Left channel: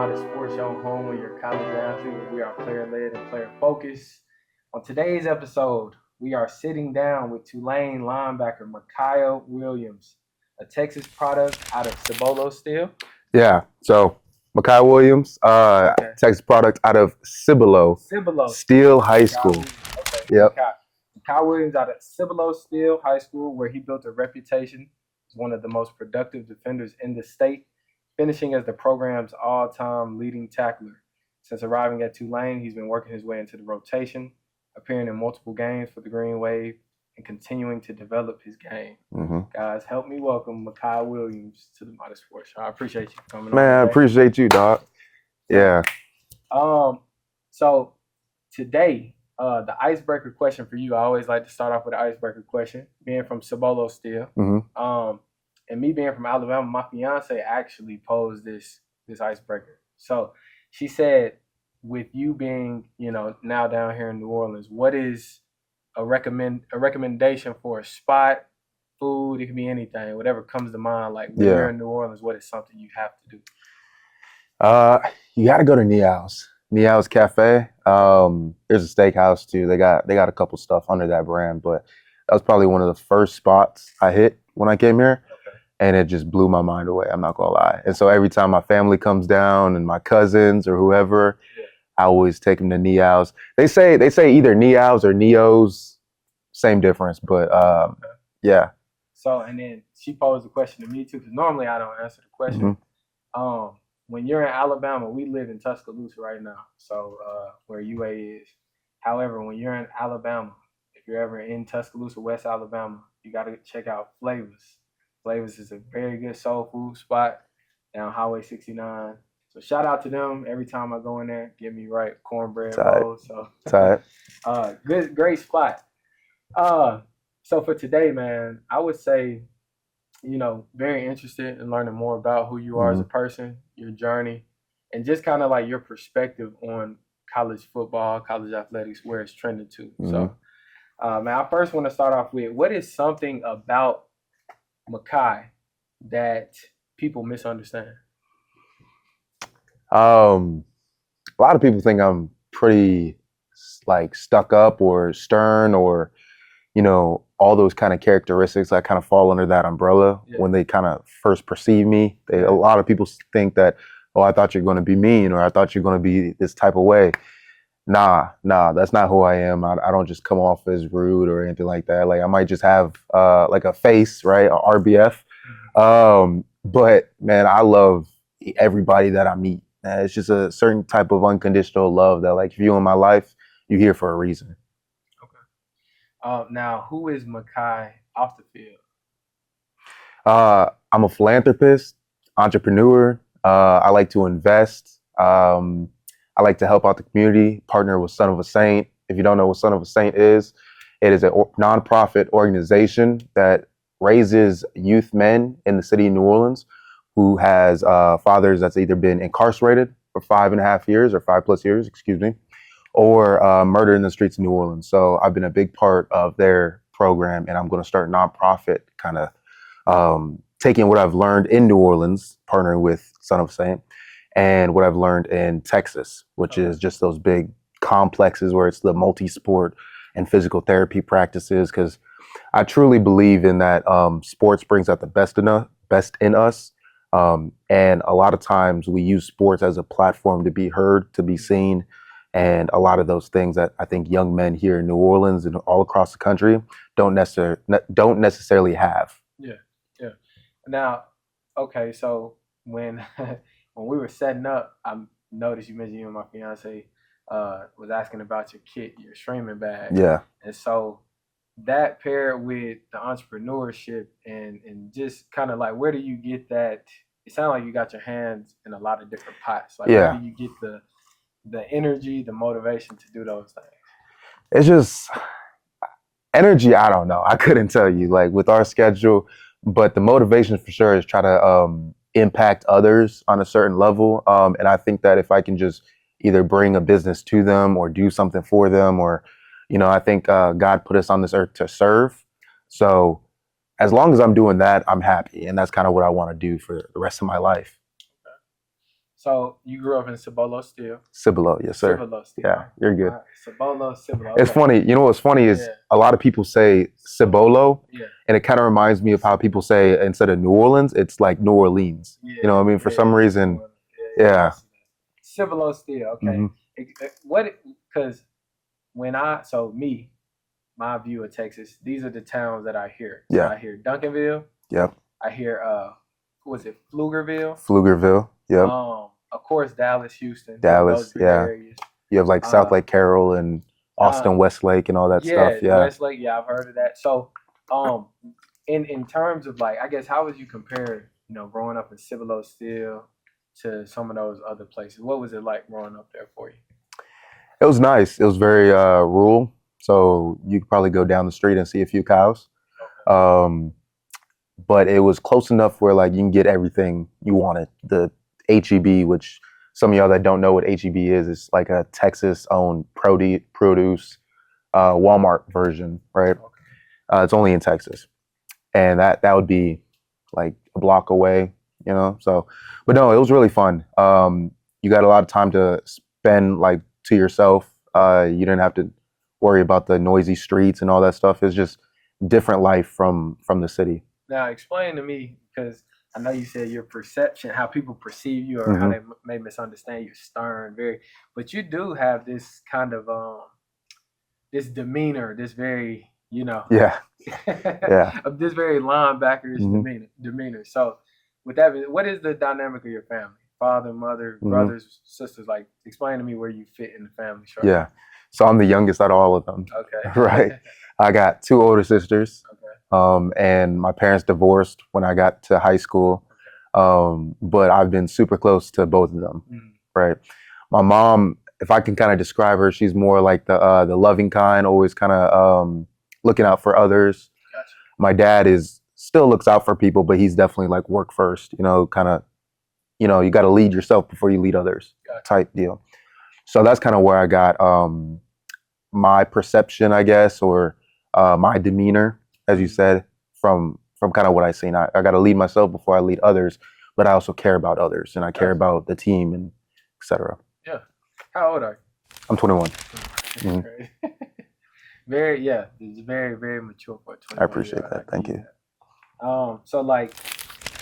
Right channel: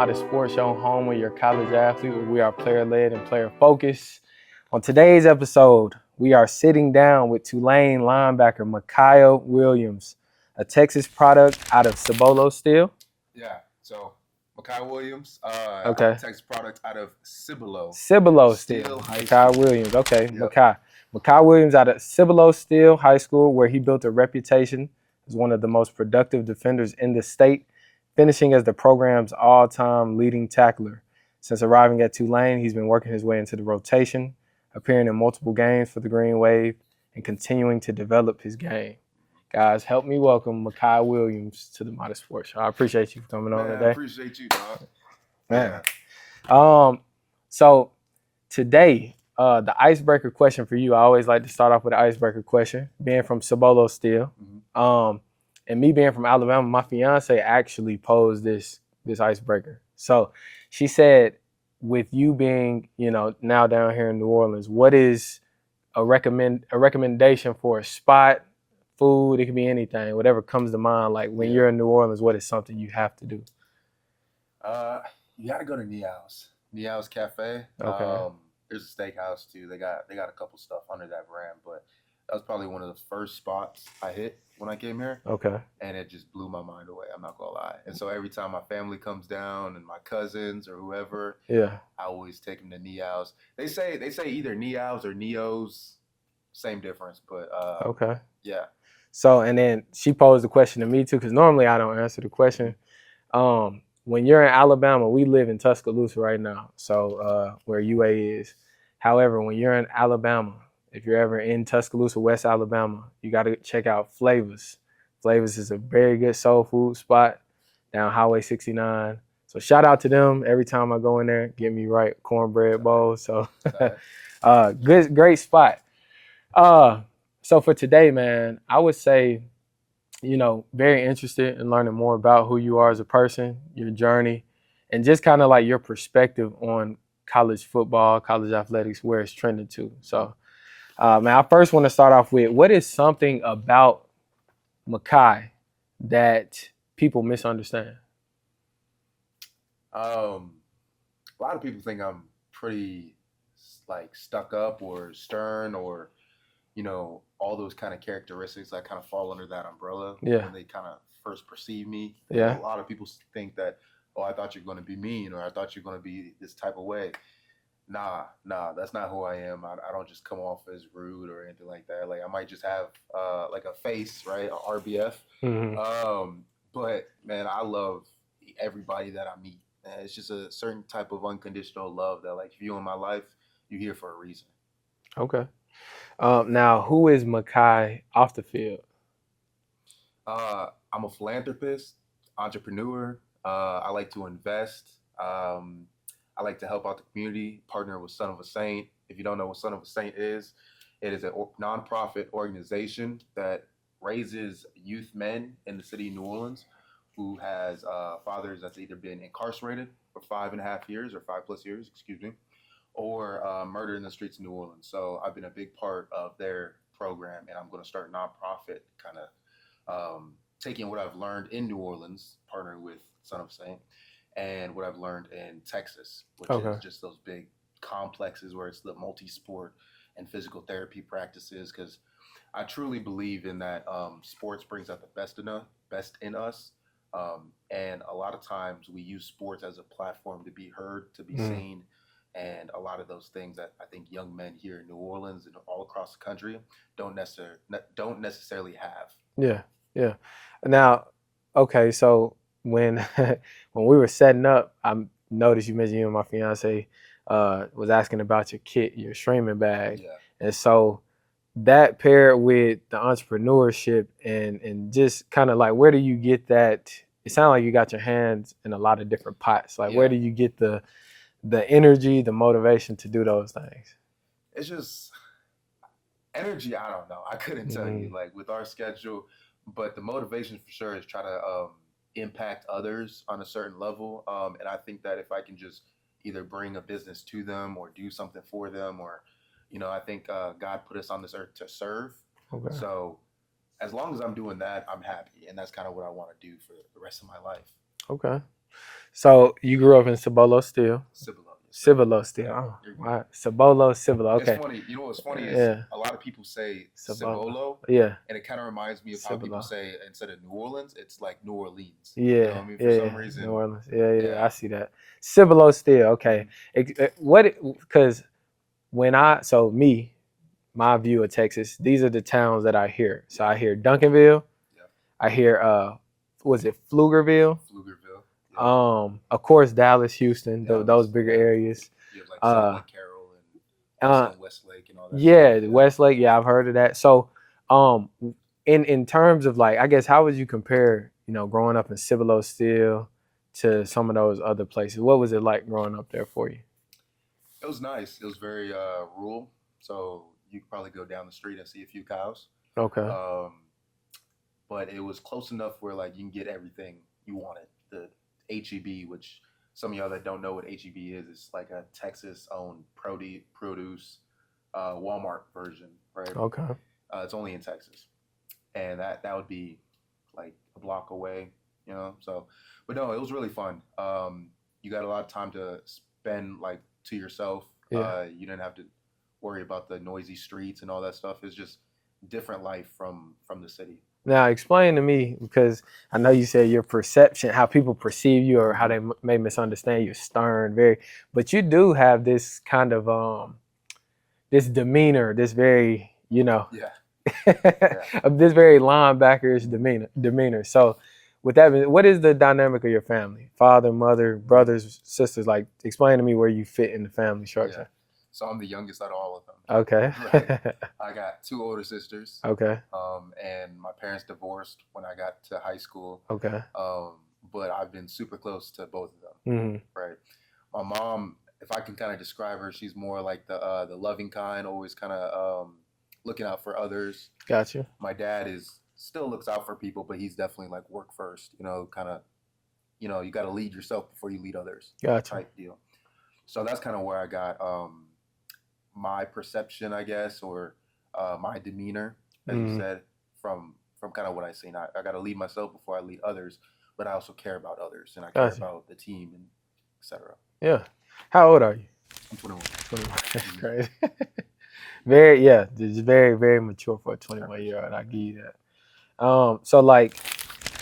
Modest Sports Show, home with your college athlete. We are player-led and player-focused. On today's episode, we are sitting down with Tulane linebacker Makai Williams, a Texas product out of Cibolo Steel. Yeah, so Makai Williams, Texas product out of Cibolo Steel High School. Makai Williams, okay. Yep. Makai Williams out of Cibolo Steel High School, where he built a reputation as one of the most productive defenders in the state, finishing as the program's all-time leading tackler. Since arriving at Tulane, he's been working his way into the rotation, appearing in multiple games for the Green Wave, and continuing to develop his game. Guys, help me welcome Makai Williams to the Modest Sports Show. I appreciate you coming on. Man, I appreciate you, dog. Yeah. So today, the icebreaker question for you, I always like to start off with an icebreaker question. Being from Cibolo Steel, and me being from Alabama, my fiance actually posed this icebreaker. So she said, with you being, now down here in New Orleans, what is a recommendation for a spot, food? It can be anything, whatever comes to mind. Like when you're in New Orleans, what is something you have to do? You got to go to Niao's Cafe. Okay. There's a steakhouse too. They got a couple stuff under that brand, but that was probably one of the first spots I hit when I came here. Okay. And it just blew my mind away. I'm not gonna lie. And so every time my family comes down and my cousins or whoever, I always take them to Niao's. They say either Niao's or Neo's, same difference, but okay. Yeah. So, and then she posed the question to me too, because normally I don't answer the question. When you're in Alabama, we live in Tuscaloosa right now, so where UA is. However, when you're in Alabama, if you're ever in Tuscaloosa, West Alabama, you got to check out Flavors. Flavors is a very good soul food spot down Highway 69. So shout out to them. Every time I go in there, get me right cornbread bowl. So great spot. So for today, man, I would say, very interested in learning more about who you are as a person, your journey, and just kind of like your perspective on college football, college athletics, where it's trending to. So, man, I first want to start off with, what is something about Makai that people misunderstand? A lot of people think I'm pretty like stuck up or stern or, all those kind of characteristics that kind of fall under that umbrella when they kind of first perceive me. A lot of people think that, oh, I thought you're going to be mean, or I thought you're going to be this type of way. Nah, that's not who I am. I don't just come off as rude or anything like that. Like I might just have like a face, right? A RBF. But man, I love everybody that I meet. It's just a certain type of unconditional love that, like, if you're in my life, you're here for a reason. Okay. Now, who is Makai off the field? I'm a philanthropist, entrepreneur. I like to invest. I like to help out the community, partner with Son of a Saint. If you don't know what Son of a Saint is, it is a nonprofit organization that raises youth men in the city of New Orleans who has fathers that's either been incarcerated for 5.5 years or 5+ years, or murdered in the streets of New Orleans. So I've been a big part of their program, and I'm going to start a nonprofit kind of taking what I've learned in New Orleans, partnering with Son of a Saint, and what I've learned in Texas, which is just those big complexes where it's the multi-sport and physical therapy practices. Because I truly believe in that sports brings out the best in us. And a lot of times we use sports as a platform to be heard, to be seen. And a lot of those things that I think young men here in New Orleans and all across the country don't necessarily have. Yeah. Now, okay, so when we were setting up, I noticed you mentioned you and my fiance was asking about your kit, your streaming bag. Yeah. And so that paired with the entrepreneurship and just kind of like, where do you get that? It sounds like you got your hands in a lot of different pots. Like, where do you get the energy, the motivation to do those things? It's just energy. I don't know. I couldn't tell you, like, with our schedule, but the motivation for sure is try to impact others on a certain level. And I think that if I can just either bring a business to them or do something for them, or, I think God put us on this earth to serve. Okay. So as long as I'm doing that, I'm happy. And that's kind of what I want to do for the rest of my life. Okay. So you grew up in Cibolo still? Cibolo, yes, sir. Cibolo still. Yeah, you're good. Right. Cibolo, Cibolo. Okay. It's funny. You know what's funny is a lot of people say Cibolo, Yeah. and it kind of reminds me of how people say instead of New Orleans, it's like New Orleans. Yeah. You know what I mean? For some reason. New Orleans. Yeah. I see that. Cibolo still. Okay. Because my view of Texas, these are the towns that I hear. So I hear Duncanville. Yep. I hear was it Pflugerville? Pflugerville. Yep. Of course, Dallas, Houston, those big areas. You have like South Lake Carroll and Austin, Westlake, and all that stuff. Yeah, Westlake. Yeah, I've heard of that. So, in terms of like, I guess, how would you compare, growing up in Cibolo still to some of those other places? What was it like growing up there for you? It was nice. It was very rural, so you could probably go down the street and see a few cows. Okay. But it was close enough where like you can get everything you wanted. The HEB, which some of y'all that don't know what HEB is, it's like a Texas-owned produce Walmart version, right? Okay. It's only in Texas, and that would be like a block away, So, but no, it was really fun. You got a lot of time to spend like to yourself. Yeah. You didn't have to worry about the noisy streets and all that stuff. It's just different life from the city. Now, explain to me, because I know you said your perception, how people perceive you or how they may misunderstand you, stern, but you do have this kind of, this demeanor, this very, Yeah. this very linebackerish demeanor. So with that, what is the dynamic of your family? Father, mother, brothers, sisters? Like, explain to me where you fit in the family structure. Yeah. So I'm the youngest out of all of them. Okay. Right. I got 2 older sisters. Okay. And my parents divorced when I got to high school. Okay. But I've been super close to both of them. Mm-hmm. Right. My mom, if I can kind of describe her, she's more like the loving kind, always kind of looking out for others. Gotcha. My dad still looks out for people, but he's definitely like work first, kind of, you got to lead yourself before you lead others. Gotcha. Type deal. So that's kind of where I got my perception, I guess, or my demeanor, as you said, from kind of what I've seen. I got to lead myself before I lead others, but I also care about others, and I care about the team, and et cetera. Yeah. How old are you? I'm 21. That's crazy. It's very, very mature for a 21-year-old. I appreciate that. Thank you. So like,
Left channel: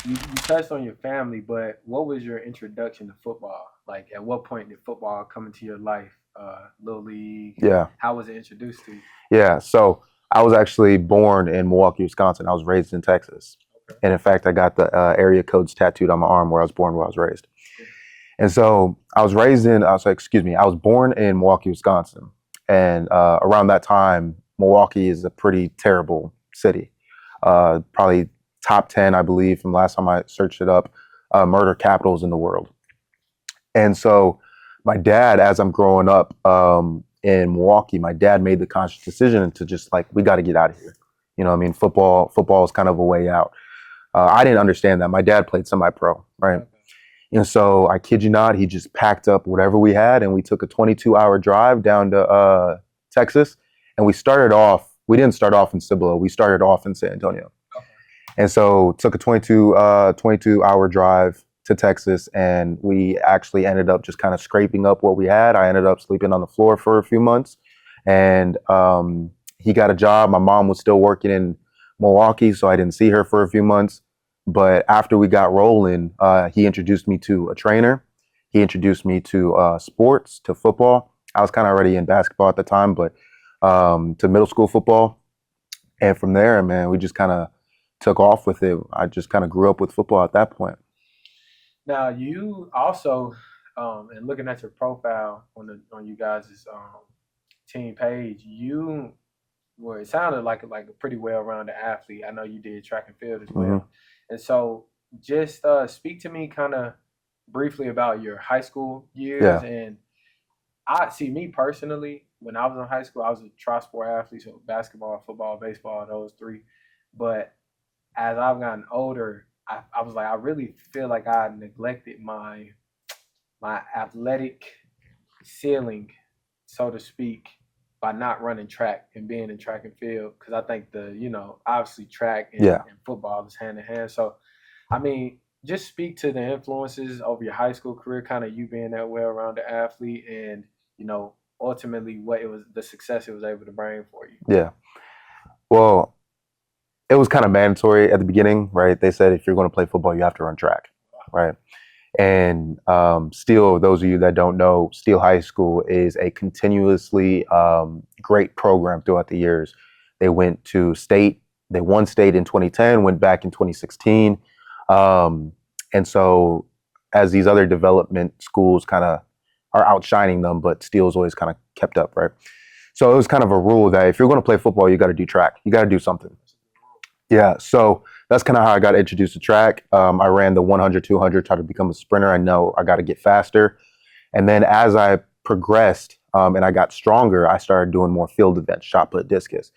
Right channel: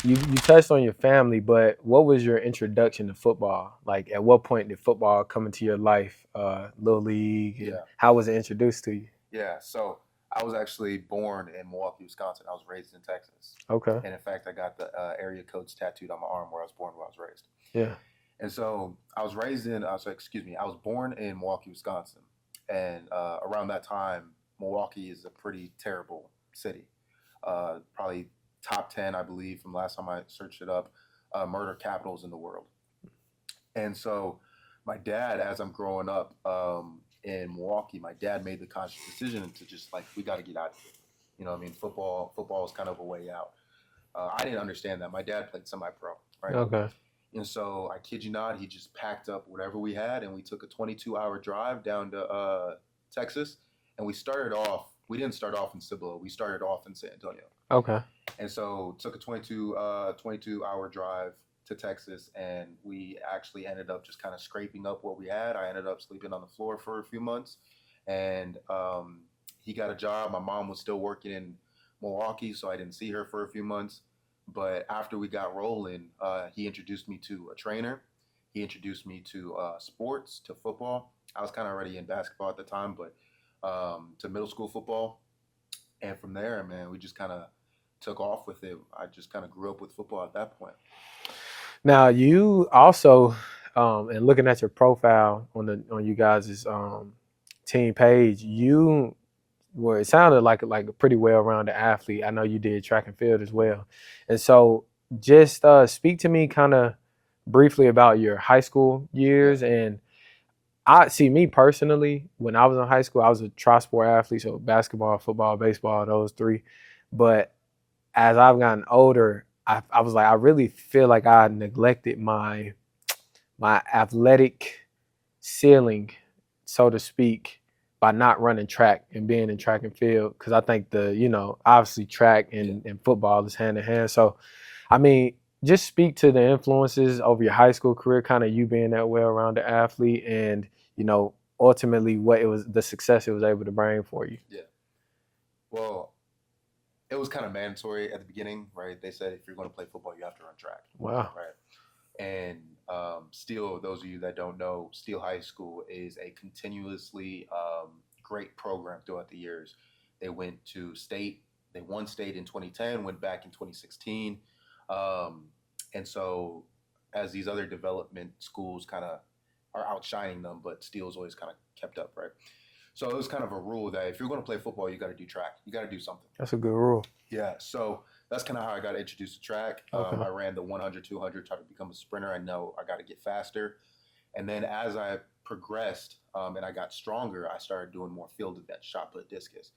you touched on your family, but what was your introduction to football? Like, at what point did football come into your life? Little league? Yeah. How was it introduced to you? Yeah. So I was actually born in Milwaukee, Wisconsin. I was raised in Texas. Okay. And in fact, I got the area codes tattooed on my arm where I was born, where I was raised. Yeah. And so I was born in Milwaukee, Wisconsin. And around that time, Milwaukee is a pretty terrible city. Probably top 10, I believe, from last time I searched it up, murder capitals in the world. And so my dad, as I'm growing up in Milwaukee, my dad made the conscious decision to just like, we got to get out of here. Football is kind of a way out. I didn't understand that. My dad played semi-pro, right? Okay. And so I kid you not, he just packed up whatever we had and we took a 22-hour drive down to Texas. And we didn't start off in Cibolo. We started off in San Antonio. Okay. And so took a 22-hour drive to Texas, and we actually ended up just kind of scraping up what we had. I ended up sleeping on the floor for a few months, and he got a job. My mom was still working in Milwaukee, so I didn't see her for a few months. But after we got rolling, he introduced me to a trainer. He introduced me to sports, to football. I was kind of already in basketball at the time, but to middle school football. And from there, man, we just kind of took off with it. I just kind of grew up with football at that point. Now, you also, and looking at your profile on you guys' team page, it sounded like a pretty well-rounded athlete. I know you did track and field as well. And so just speak to me kind of briefly about your high school years. Yeah. And me personally, when I was in high school, I was a tri-sport athlete, so basketball, football, baseball, those 3. But as I've gotten older, I was like, I really feel like I neglected my athletic ceiling, so to speak, by not running track and being in track and field. Because I think obviously track and football is hand in hand. So, I mean, just speak to the influences over your high school career, kind of you being that well-rounded athlete, and ultimately what it was, the success it was able to bring for you. Yeah. Well, it was kind of mandatory at the beginning, right? They said if you're going to play football, you have to run track. Wow. Right. And Steele, those of you that don't know, Steele High School is a continuously great program throughout the years. They went to state. They won state in 2010, went back in 2016. And so as these other development schools kind of are outshining them, but Steele's always kind of kept up, right? So it was kind of a rule that if you're going to play football, you got to do track. You got to do something. That's a good rule. Yeah. So that's kind of how I got introduced to track. I ran the 100, 200, tried to become a sprinter. I know I got to get faster. And then as I progressed and I got stronger, I started doing more field events, shot put, discus.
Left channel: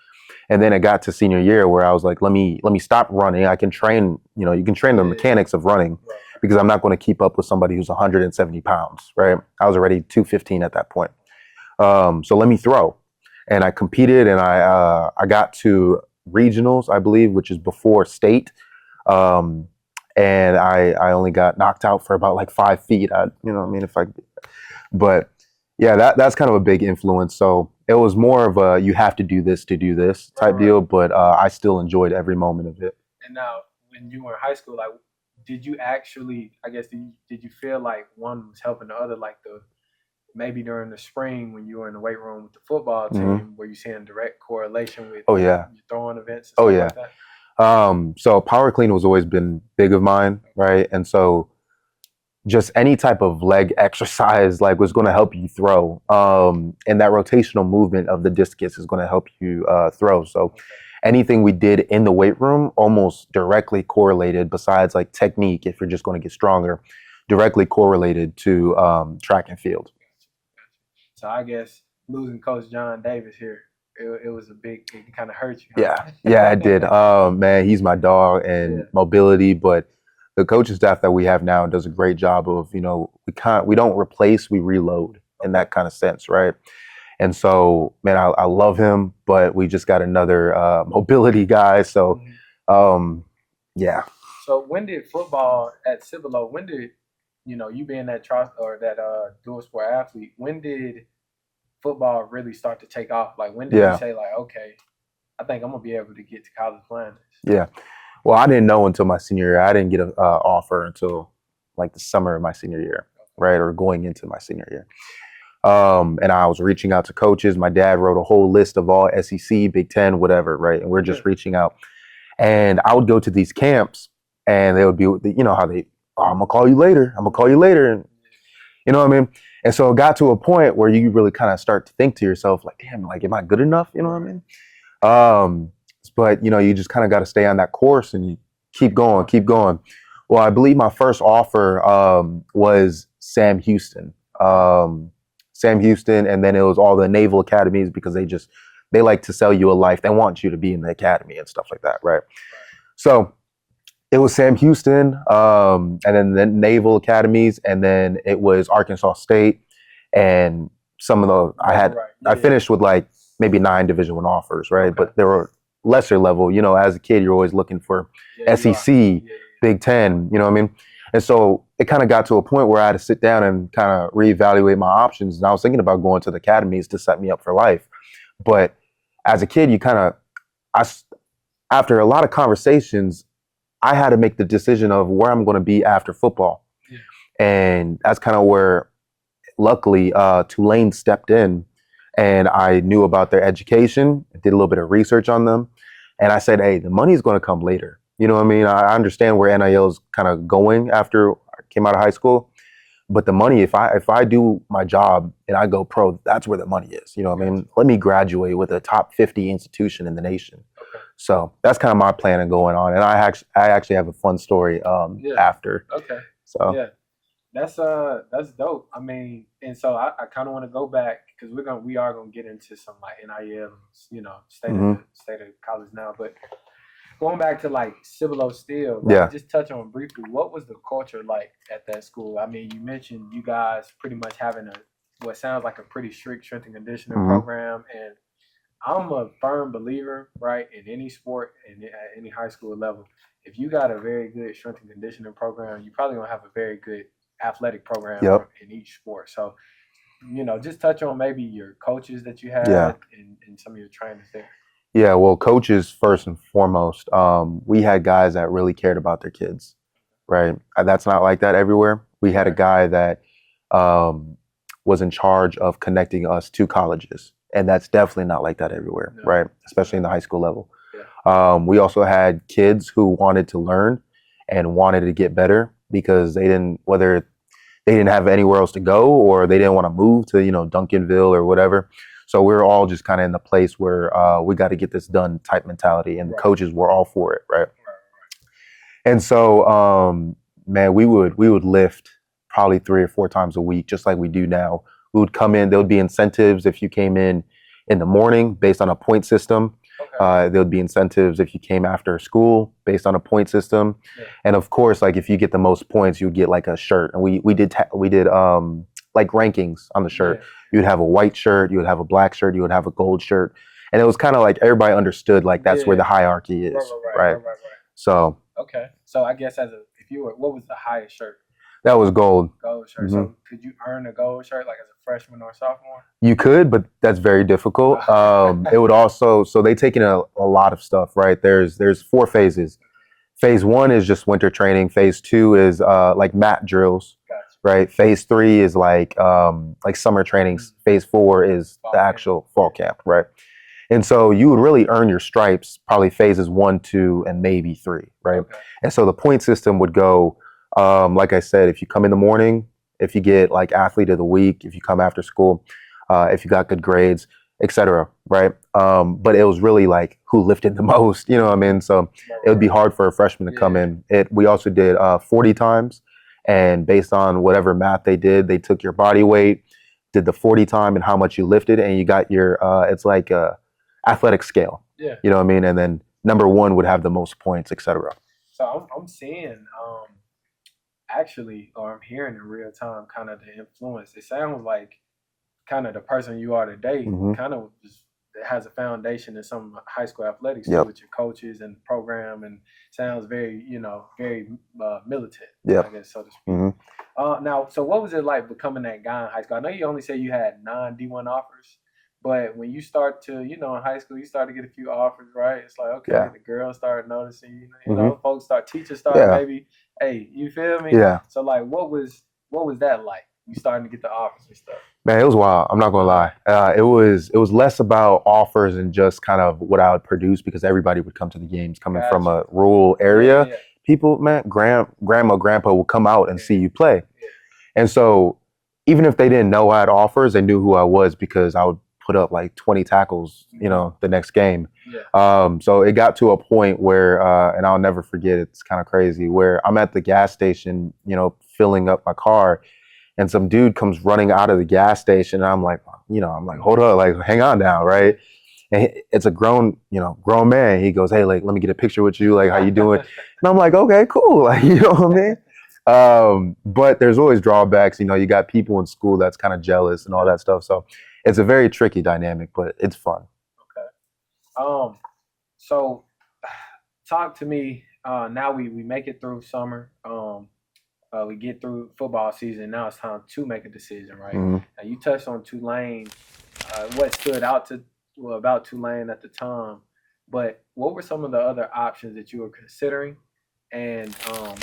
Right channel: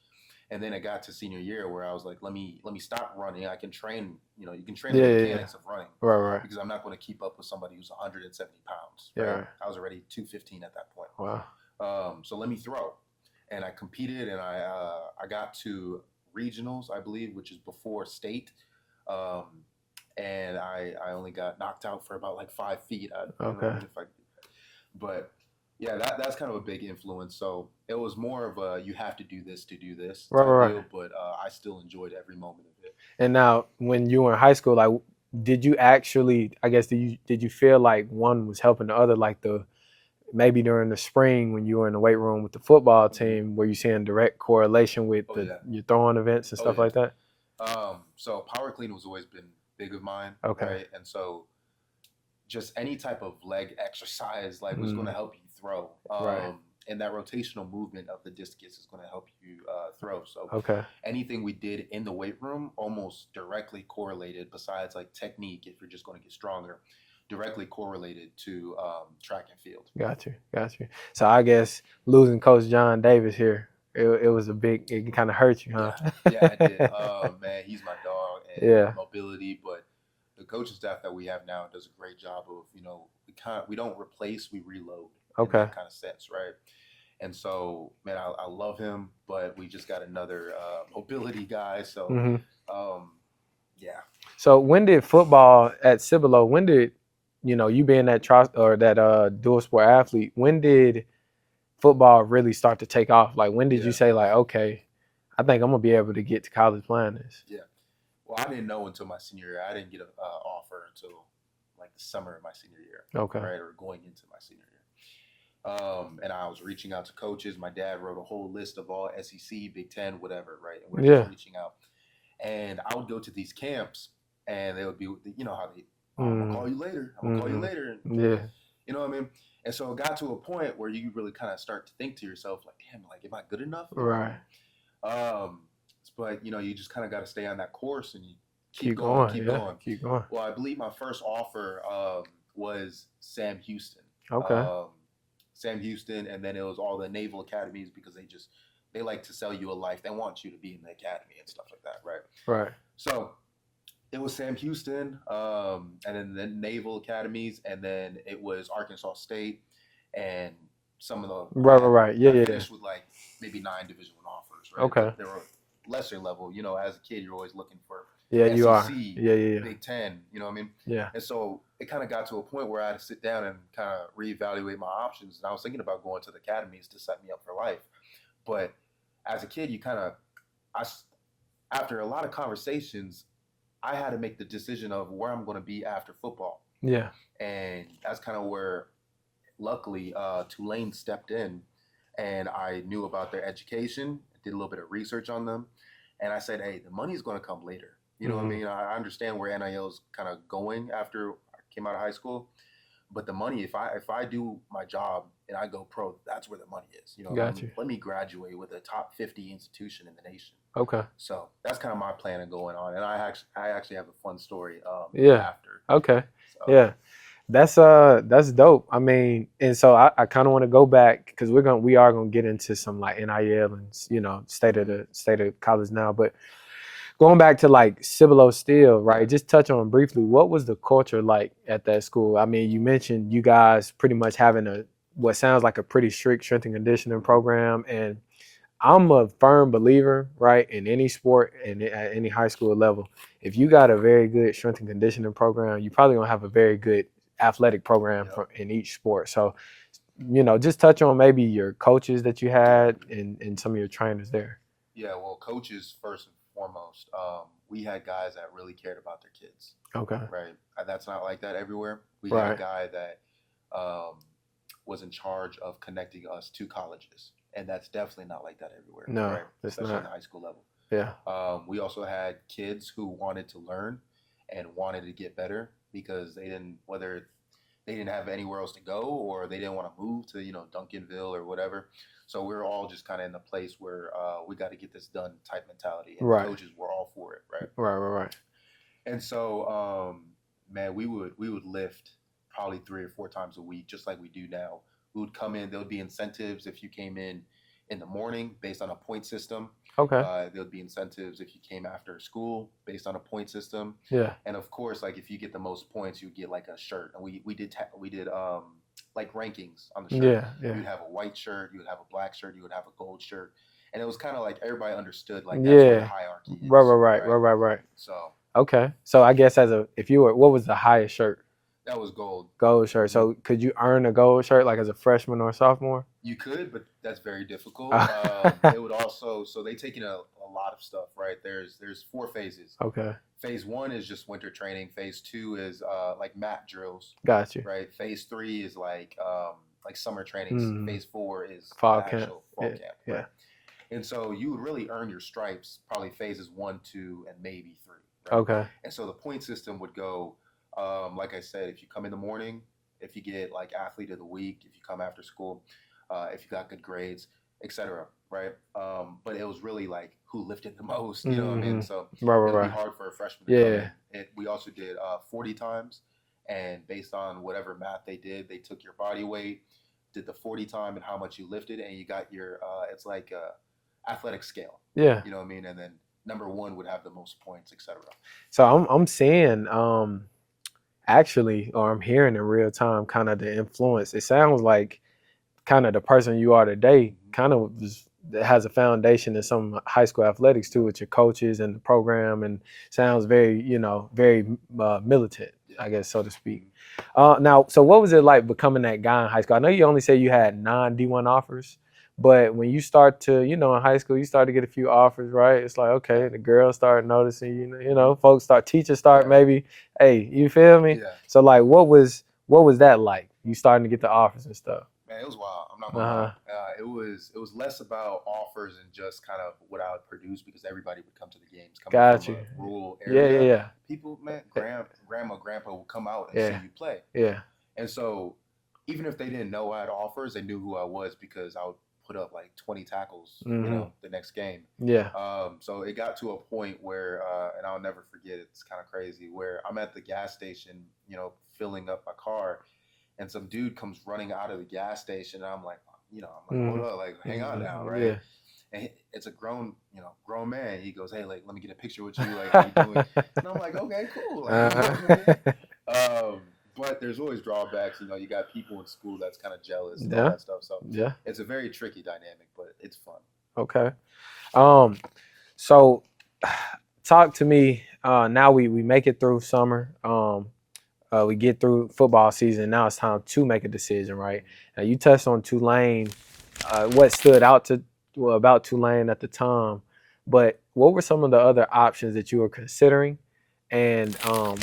And then it got to senior year where I was like, let me stop running. I can train, you can train the mechanics of running because I'm not going to keep up with somebody who's 170 pounds, right? I was already 215 at that point. Wow. So let me throw. And I competed and I got to regionals, I believe, which is before state. And I only got knocked out for about like 5 feet. But yeah, that's kind of a big influence. So it was more of a, you have to do this to do this type deal, but I still enjoyed every moment of it. And now when you were in high school, like, did you actually, I guess, did you feel like one was helping the other, like maybe during the spring when you were in the weight room with the football team, were you seeing direct correlation with your throwing events and stuff like that? So power clean has always been big of mine, right? And so just any type of leg exercise like was going to help you throw. And that rotational movement of the discus is going to help you throw. So anything we did in the weight room almost directly correlated, besides like technique, if you're just going to get stronger, directly correlated to track and field. Got you. So I guess losing Coach John Davis here, it was it kind of hurt you, huh? Yeah, it did. Man, he's my dog and mobility, but the coaching staff that we have now does a great job of, we don't replace, we reload in that kind of sense, right? And so, man, I love him, but we just got another mobility guy. So, yeah. So when did football at Cibolo, you being that dual sport athlete, when did football really start to take off? Like, when did you say, like, okay, I think I'm gonna be able to get to college playing this? Yeah. Well, I didn't know until my senior year. I didn't get an offer until like the summer of my senior year, right? Or going into my senior year. And I was reaching out to coaches. My dad wrote a whole list of all SEC, Big Ten, whatever, right? And we're just reaching out. And I would go to these camps and they would be, how they, I'm going to call you later. I'm going to call you later. And, you know what I mean? And so it got to a point where you really kind of start to think to yourself, like, damn, like, am I good enough? You know what I mean? But, you just kind of got to stay on that course and you keep going. Well, I believe my first offer was Sam Houston. Sam Houston, and then it was all the naval academies because they like to sell you a life. They want you to be in the academy and stuff like that, right? Right. So it was Sam Houston, and then the naval academies, and then it was Arkansas State, and some of the I finished with like maybe 9 Division I offers, right? But there were lesser level. As a kid, you're always looking for SEC, Big Ten. You know what I mean? Yeah. And so it kind of got to a point where I had to sit down and kind of reevaluate my options. And I was thinking about going to the academies to set me up for life. But as a kid, after a lot of conversations, I had to make the decision of where I'm going to be after football. Yeah. And that's kind of where, luckily, Tulane stepped in. And I knew about their education, did a little bit of research on them. And I said, hey, the money's going to come later. You know what I mean? I understand where NIL is kind of going after I came out of high school. But the money, if I do my job and I go pro, that's where the money is. You know what I mean? Let me graduate with a top 50 institution in the nation. Okay. So that's kind of my plan and going on. And I actually have a fun story after. Okay. So yeah. That's dope. I mean, and so I kind of want to go back because we are gonna get into some like NIL and state of college now. But going back to like Cibolo Steele, right? Yeah. Just touch on briefly, what was the culture like at that school? I mean, you mentioned you guys pretty much having what sounds like a pretty strict strength and conditioning program, and I'm a firm believer, right, in any sport and at any high school level, if you got a very good strength and conditioning program, you're probably gonna have a very good athletic program in each sport. So, just touch on maybe your coaches that you had and some of your trainers there. Yeah, well, coaches first and foremost. We had guys that really cared about their kids. Okay. Right. That's not like that everywhere. We had a guy that was in charge of connecting us to colleges, and that's definitely not like that everywhere. No, right. Especially in the high school level. Yeah. We also had kids who wanted to learn and wanted to get better because whether they didn't have anywhere else to go or they didn't want to move to, Duncanville or whatever. So we were all just kind of in the place where we got to get this done type mentality, and coaches were all for it. Right. Right. And so, man, we would lift probably 3 or 4 times a week, just like we do now. We would come in. There would be incentives if you came in the morning based on a point system. Okay. There would be incentives if you came after school based on a point system. Yeah. And of course, like if you get the most points, you would get like a shirt. And we did like rankings on the shirt. Yeah. You'd have a white shirt, you would have a black shirt, you would have a gold shirt. And it was kind of like everybody understood like that's where the hierarchy is. Right. So okay. So I guess what was the highest shirt? That was gold. Gold shirt. Mm-hmm. So could you earn a gold shirt like as a freshman or sophomore? You could, but that's very difficult. It would also, so they take in a lot of stuff, right? There's 4 phases. Okay. Phase 1 is just winter training. Phase 2 is like mat drills. Gotcha. Right. Phase 3 is like summer trainings. Mm. Phase 4 is fall the camp. actual fall camp. Right. And so you would really earn your stripes probably phases 1, 2, and maybe 3. Right. Okay. And so the point system would go, like I said, if you come in the morning, if you get like athlete of the week, if you come after school, if you got good grades, etc. Right. But it was really like who lifted the most, you know what I mean? So it would be hard for a freshman to come in. We also did 40 times, and based on whatever math they did, they took your body weight, did the 40 time and how much you lifted, and you got your it's like a athletic scale. Yeah. You know what I mean? And then number 1 would have the most points, etc. So I'm seeing actually, or I'm hearing in real time kind of the influence. It sounds like kind of the person you are today kind of has a foundation in some high school athletics too, with your coaches and the program, and sounds very, very militant, I guess, so to speak. Now, so what was it like becoming that guy in high school? I know you only said you had 9 D1 offers, but when you start to, in high school, you start to get a few offers, right? It's like, okay, the girls start noticing, folks teachers start maybe, hey, you feel me? Yeah. So like, what was that like? You starting to get the offers and stuff? Man, it was wild. I'm not gonna lie. It was less about offers and just kind of what I would produce, because everybody would come to the games coming from a rural area. Yeah. People, man, grandma, grandpa will come out and see you play. Yeah. And so even if they didn't know I had offers, they knew who I was because I would put up like 20 tackles, the next game. Yeah. So it got to a point where, and I'll never forget, it's kind of crazy, where I'm at the gas station, filling up my car, and some dude comes running out of the gas station, and I'm like, hold up, like, hang on now, right? Yeah. And it's a grown man. He goes, hey, like, let me get a picture with you, like, how you doing? And I'm like, okay, cool, like, you know what I mean? But there's always drawbacks. You got people in school that's kind of jealous and all that stuff. So it's a very tricky dynamic, but it's fun. Okay. So talk to me. Now we make it through summer. We get through football season. Now it's time to make a decision, right? Now you touched on Tulane. What stood out about Tulane at the time, but what were some of the other options that you were considering? And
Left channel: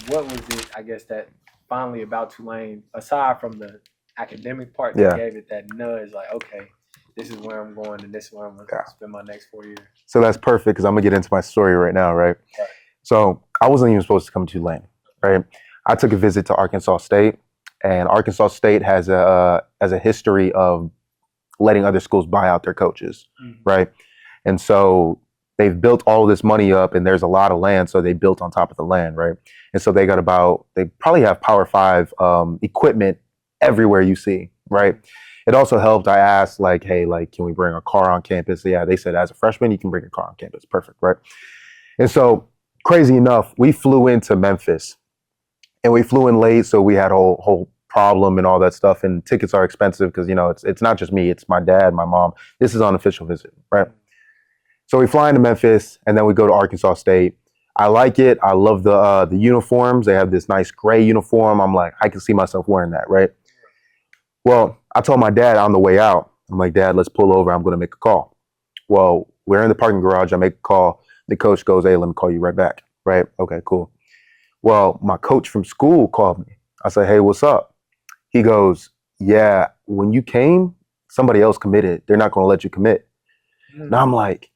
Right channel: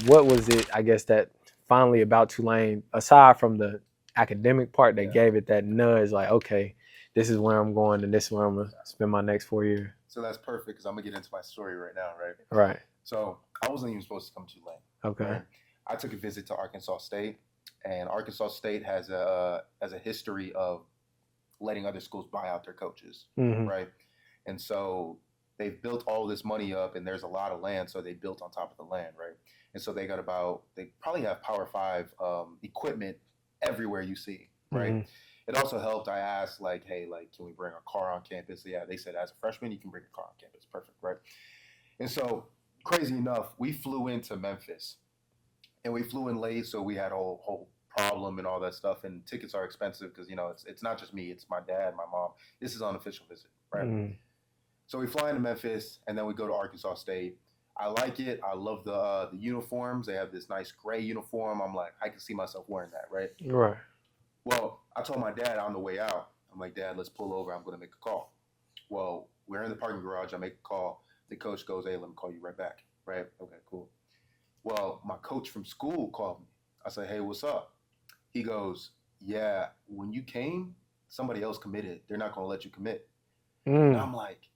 what was it, I guess, that finally about Tulane, aside from the academic part, that gave it that nudge, like, okay, this is where I'm going and this is where I'm going to spend my next 4 years? So that's perfect, because I'm going to get into my story right now, right? Right. So I wasn't even supposed to come to Tulane, right? I took a visit to Arkansas State, and Arkansas State has a history of letting other schools buy out their coaches, right? And so they've built all this money up, and there's a lot of land, so they built on top of the land, right? And so they probably have Power 5 equipment everywhere you see, right? It also helped. I asked, like, hey, like, can we bring a car on campus? Yeah, they said as a freshman, you can bring a car on campus. Perfect, right? And so, crazy enough, we flew into Memphis, and we flew in late, so we had a whole problem and all that stuff, and tickets are expensive because, it's not just me, it's my dad, my mom. This is on official visit, right? So we fly into Memphis, and then we go to Arkansas State. I like it. I love the uniforms. They have this nice gray uniform. I'm like, I can see myself wearing that, right? Right. Well, I told my dad on the way out, I'm like, Dad, let's pull over. I'm going to make a call. Well, we're in the parking garage. I make a call. The coach goes, hey, let me call you right back. Right? Okay, cool. Well, my coach from school called me. I said, hey, what's up? He goes, yeah, when you came, somebody else committed. They're not going to let you commit. And I'm like,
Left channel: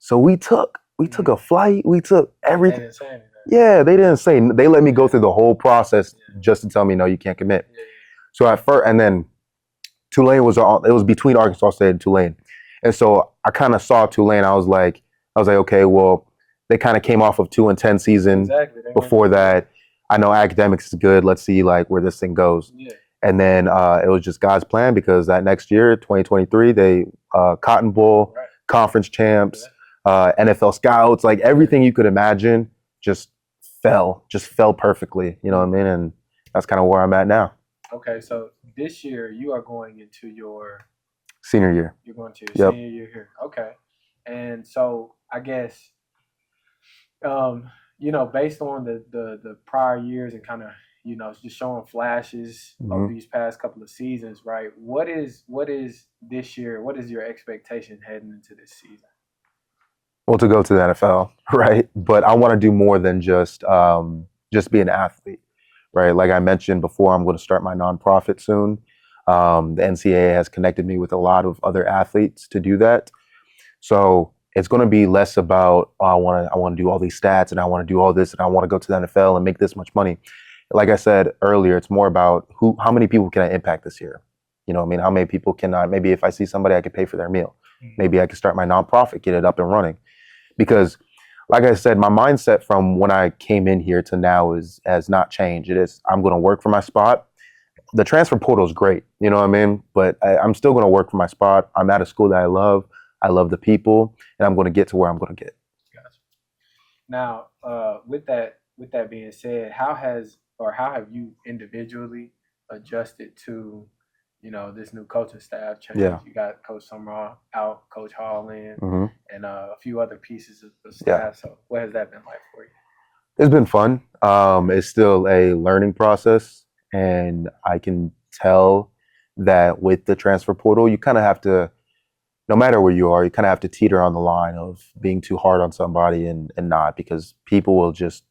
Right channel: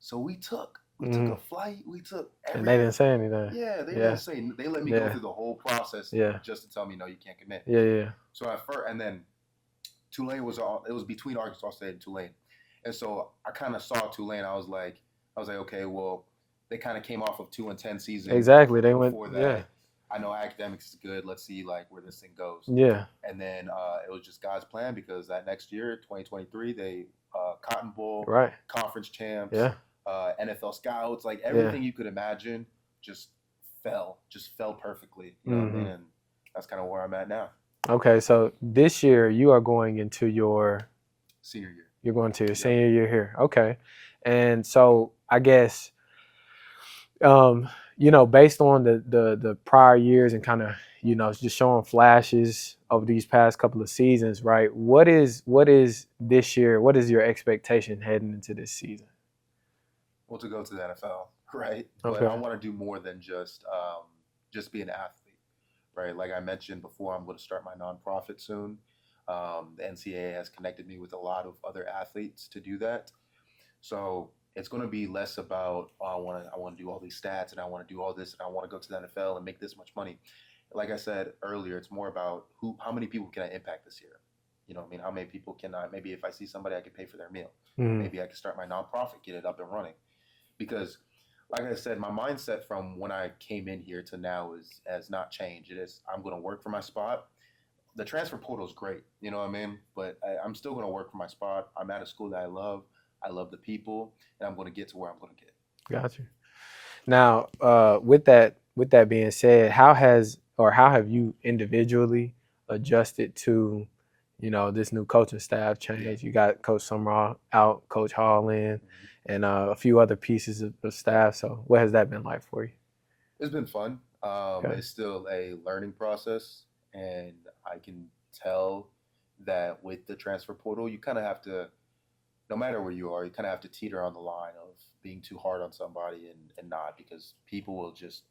so we took a flight. We took everything. They didn't say anything. Yeah, they didn't say. They let me go through the whole process just to tell me, no, you can't commit. Yeah. So at first, and then Tulane it was between Arkansas State and Tulane. And so I kind of saw Tulane. I was like, okay, well, they kind of came off of 2-10 season. Exactly. Before that, I know academics is good. Let's see like where this thing goes. Yeah. And then it was just God's plan because that next year, 2023, they Cotton Bowl, conference champs, NFL scouts, like everything you could imagine just fell perfectly. You know what I mean? And that's kind of where I'm at now. Okay, so this year you are going into your senior year. You're going to your senior year here. Okay. And so I guess based on the prior years and kind of, just showing flashes of these past couple of seasons, right? What is this year? What is your expectation heading into this season? Well, to go to the NFL, right? But I want to do more than just be an athlete, right? Like I mentioned before, I'm going to start my nonprofit soon. The NCAA has connected me with a lot of other athletes to do that. So it's going to be less about, I want to do all these stats and I want to do all this and I want to go to the NFL and make this much money. Like I said earlier, it's more about how many people can I impact this year? You know what I mean? How many people can I, maybe if I see somebody, I could pay for their meal. Maybe I could start my nonprofit, get it up and running. Because like I said, my mindset from when I came in here to now has not changed. It is, I'm going to work for my spot. The transfer portal is great, you know what I mean? But I'm still going to work for my spot. I'm at a school that I love. I love the people, and I'm going to get to where I'm going to get. Gotcha. Now, with that being said, how have you individually adjusted to, this new coaching staff change? Yeah. You got Coach Summerall out, Coach Hall in, and a few other pieces of staff. Yeah. So what has that been like for you? It's been fun. It's still a learning process, and I can tell that with the transfer portal, you kind of have to, no matter where you are, you kind of have to teeter on the line of being too hard on somebody and not, because people will just,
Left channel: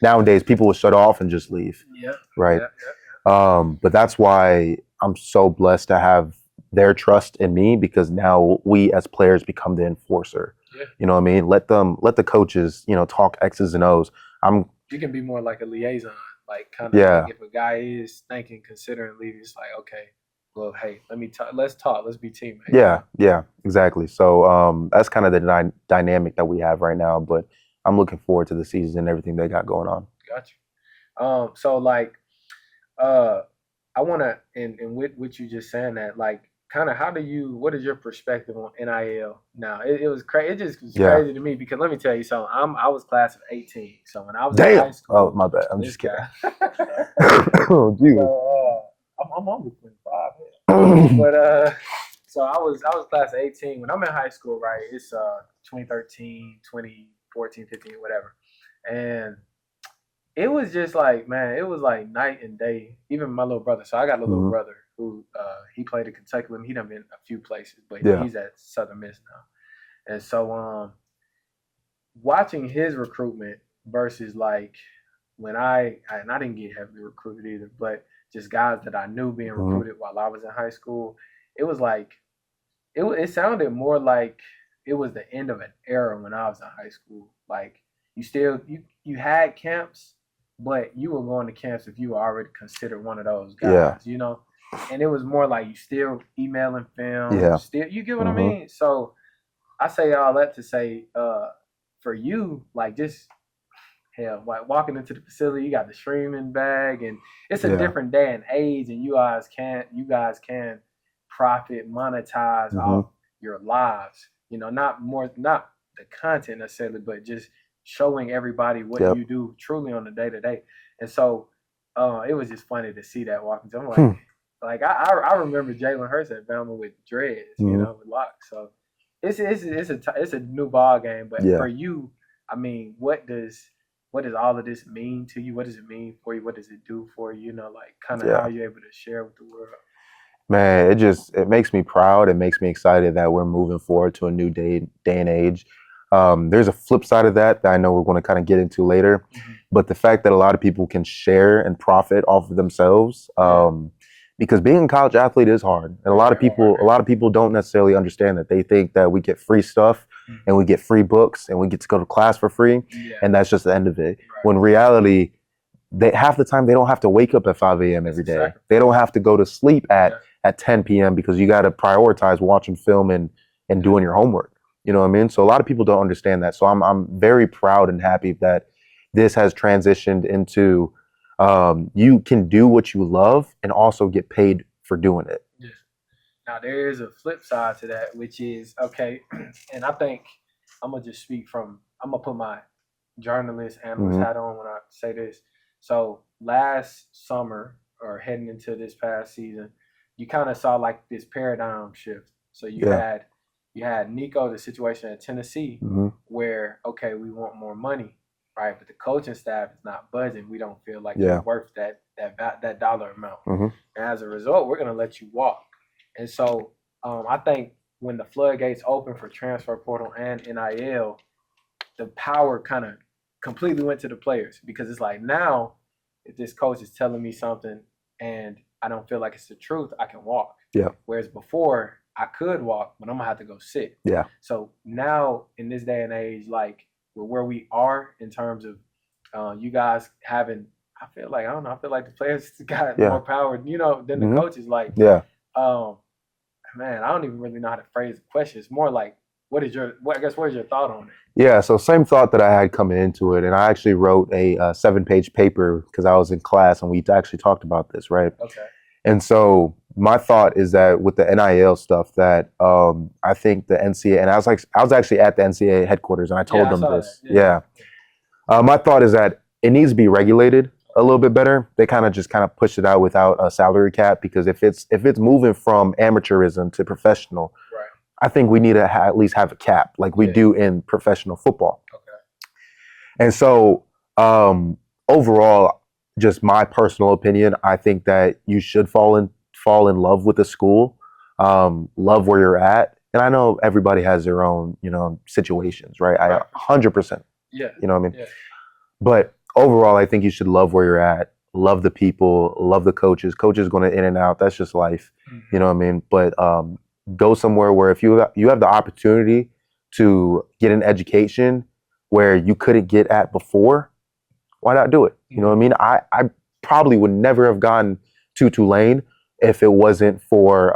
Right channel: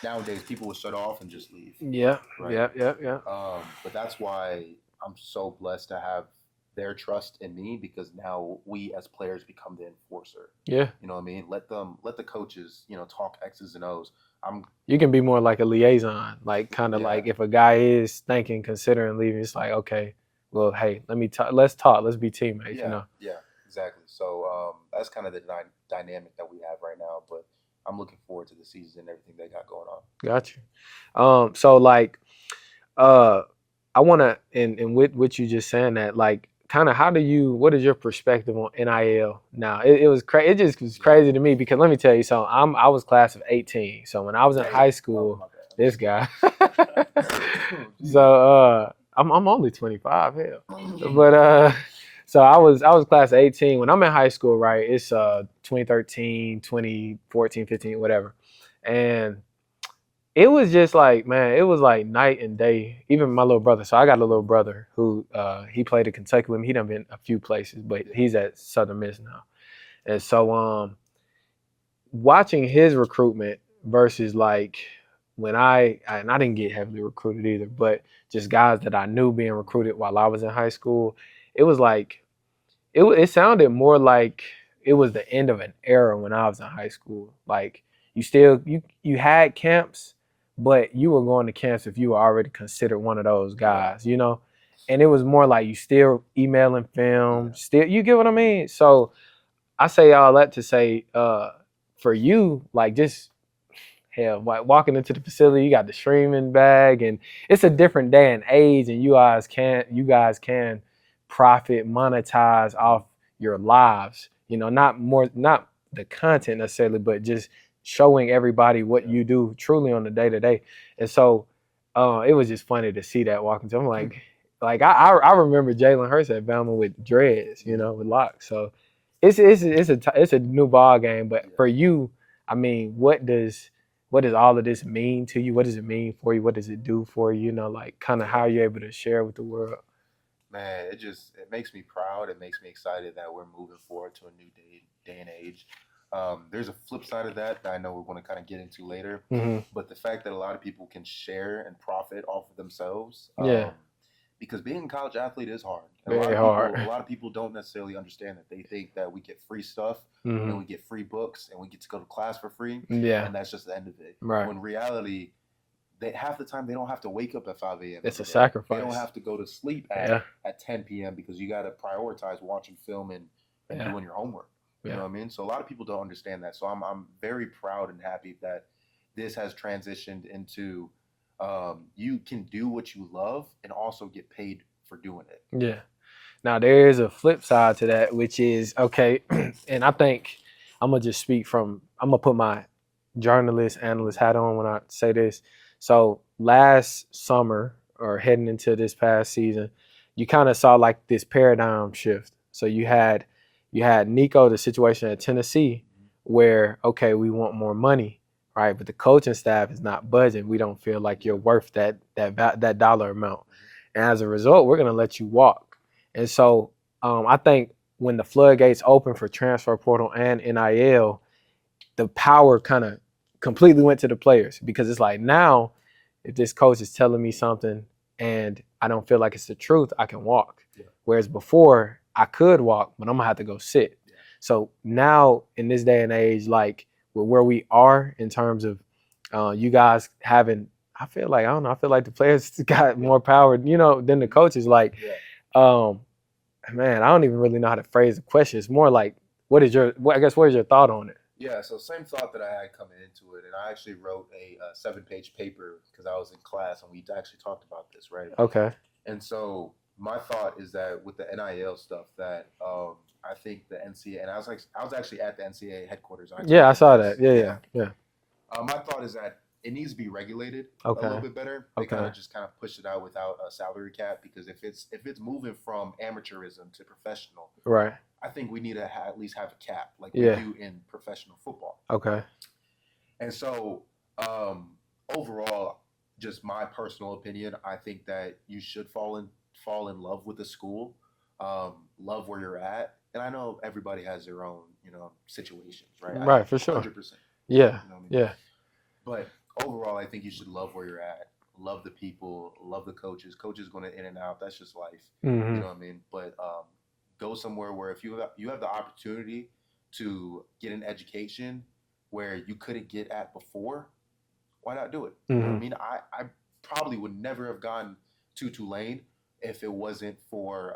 nowadays, people will shut off and just leave. Yeah. Right. Yeah. But that's why I'm so blessed to have their trust in me, because now we as players become the enforcer. Yeah. You know what I mean? Let the coaches, talk X's and O's. You can be more like a liaison, like kind of like if a guy is considering leaving, it's like, okay, well, hey, let's talk, let's be teammates. Yeah, exactly. So that's kind of the dynamic that we have right now, but I'm looking forward to the season and everything they got going on. Got you. So like, I want to, and with what you just saying that, like, kind of what is your perspective on NIL now? It was crazy. It just was crazy to me, because let me tell you, so I was class of 18. So when I was in high school, oh my bad, this guy. Oh, geez. So I'm only 25, hell. But so I was class of 18. When I'm in high school, right? It's 2013, 2014, 15, whatever, and it was just like, man, it was like night and day. Even my little brother. So I got a little brother who he played at Kentucky with me. He done been a few places, but he's at Southern Miss now. And so watching his recruitment versus like when I didn't get heavily recruited either, but just guys that I knew being recruited while I was in high school, it was like it sounded more like it was the end of an era when I was in high school. Like you had camps, but you were going to camps if you were already considered one of those guys, and it was more like you still emailing film, still, you get what I mean? So I say all that to say, for you, like, just hell, walking into the facility, you got the streaming bag, and it's a different day and age, and you guys can profit, monetize off your lives, not the content necessarily, but just showing everybody what you do truly on the day-to-day. And so it was just funny to see that walking to. I'm like I remember Jalen Hurts at Bama with dreads, with locks. So it's a new ball game. But for you, I mean, what does what does all of this mean to you? What does it mean for you? What does it do for you? You know, like kind of how you're able to share with the world. Man, it makes me proud. It makes me excited that we're moving forward to a new day and age. There's a flip side of that I know we're going to kind of get into later. Mm-hmm. But the fact that a lot of people can share and profit off of themselves, because being a college athlete is hard, and a lot of people don't necessarily understand that. They think that we get free stuff and we get free books and we get to go to class for free, and that's just the end of it. Right. When in reality, half the time they don't have to wake up at 5 a.m. every day. Sacrifice. They don't have to go to sleep at 10 p.m. because you got to prioritize watching film and doing your homework. You know what I mean? So a lot of people don't understand that. So I'm very proud and happy that this has transitioned into you can do what you love and also get paid for doing it. Yeah. Now there is a flip side to that, which is okay. And I think I'm gonna put my journalist analyst hat on when I say this. So last summer or heading into this past season, you kind of saw like this paradigm shift. So you had Nico, the situation at Tennessee, where okay, we want more money, right? But the coaching staff is not budging. We don't feel like you're worth that dollar amount, and as a result, we're gonna let you walk. And so I think when the floodgates open for transfer portal and NIL, the power kind of completely went to the players, because it's like now if this coach is telling me something and I don't feel like it's the truth, I can walk. Yeah. Whereas before I could walk, but I'm gonna have to go sit. Yeah. So now in this day and age, like where we are in terms of you guys having, I feel like the players got more power, you know, than the coaches. Like, man, I don't even really know how to phrase the question. It's more like, what is your thought on it? Yeah, so same thought that I had coming into it, and I actually wrote a 7-page paper because I was in class and we actually talked about this, right? Okay. And so my thought is that with the NIL stuff, that I think the NCAA, and I was actually at the NCAA headquarters, and I told them I saw this. that. Yeah. My thought is that it needs to be regulated a little bit better. They kind of pushed it out without a salary cap, because if it's moving from amateurism to professional, right, I think we need to at least have a cap like we do in professional football. Okay. And so overall, just my personal opinion, I think that you should fall in love with the school, love where you're at. And I know everybody has their own, situations, right? Right, for sure. 100%. Yeah. You know what I mean? Yeah. But overall, I think you should love where you're at, love the people, love the coaches. Coaches going to in and out. That's just life. Mm-hmm. You know what I mean? But go somewhere where if you have the opportunity to get an education where you couldn't get at before, why not do it? You know what I mean? I probably would never have gone to Tulane if it wasn't for